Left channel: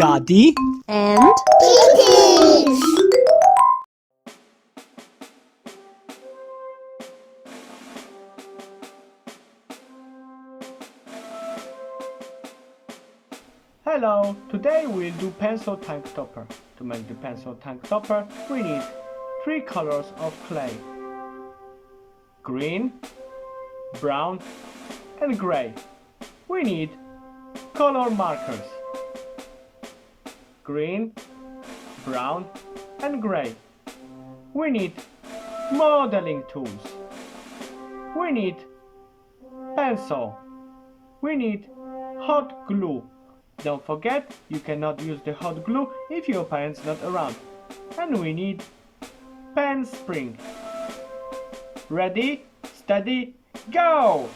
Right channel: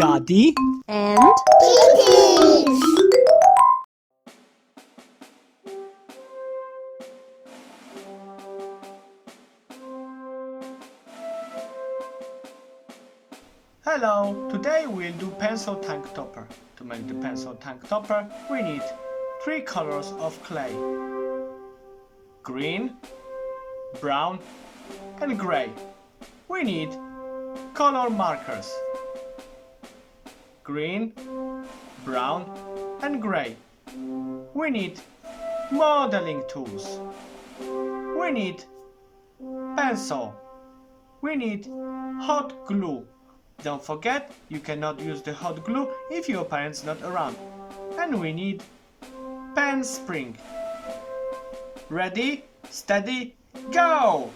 Daddy and Kittens! Hello, today we'll do pencil tank topper. To make the pencil tank topper, we need 3 colors of clay. Green, brown and gray. We need color markers. Green, brown and gray. We need modeling tools. We need pencil. We need hot glue. Don't forget, you cannot use the hot glue if your parents not around. And we need pen spring. Ready, steady, go!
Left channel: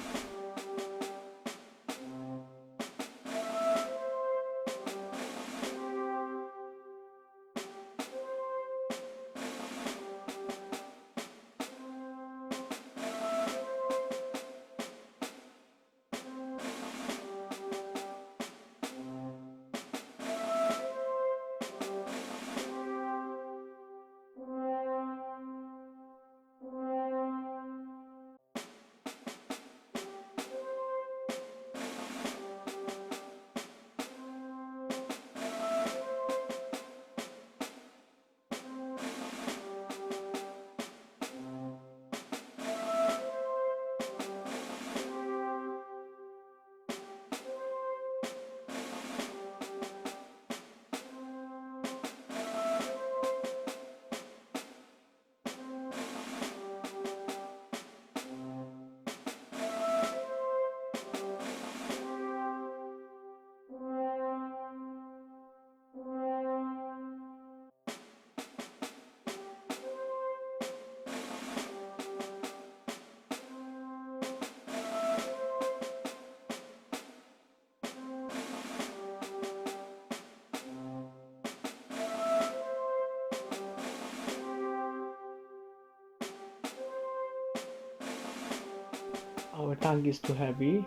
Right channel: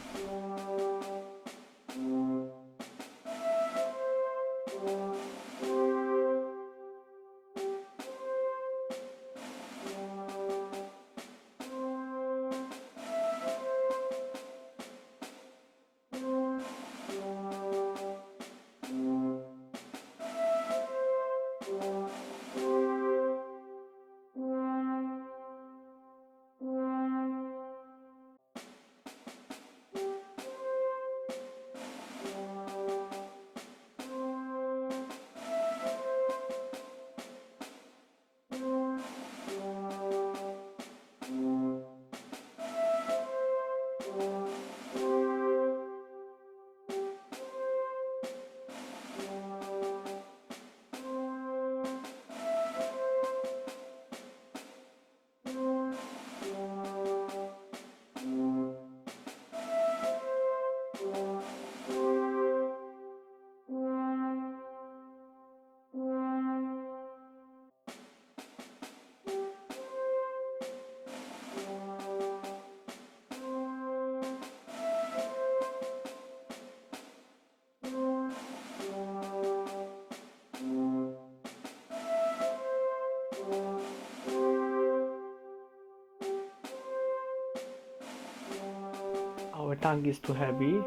Our tongue is too heavy,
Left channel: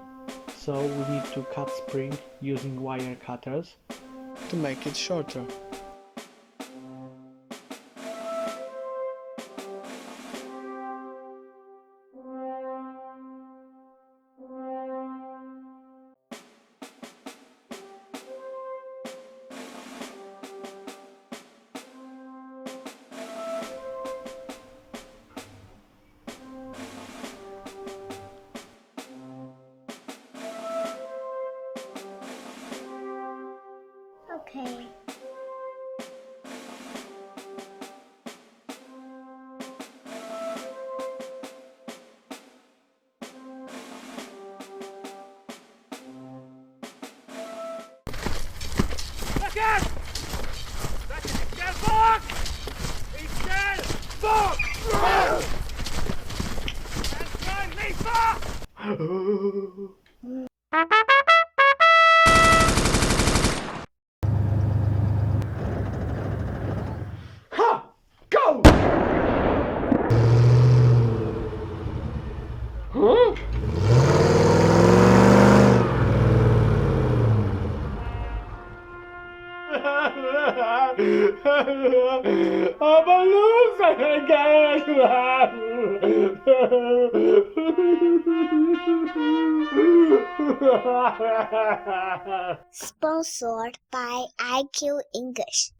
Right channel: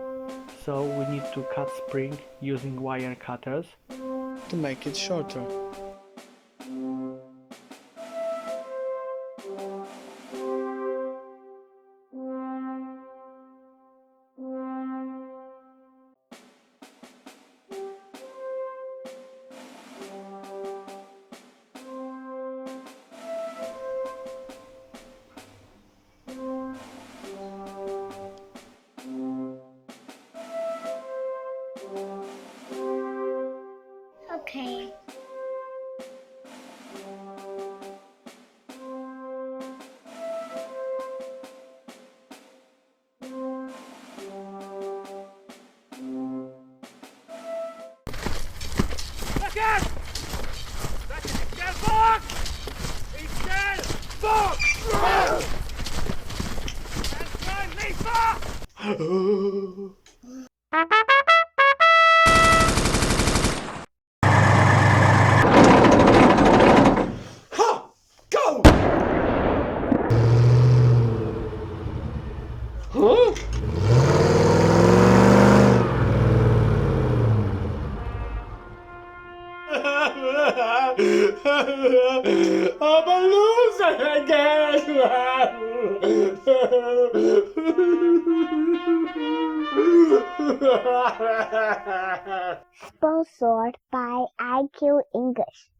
so we need to cut spring using wire cutters to make it shorter. Okay. Back in! Schnell vor! Ich schnell vor! Ganz klein, nicht vor! Ha! Go! Huh? I'm a loser again. Sponsored by IQ English.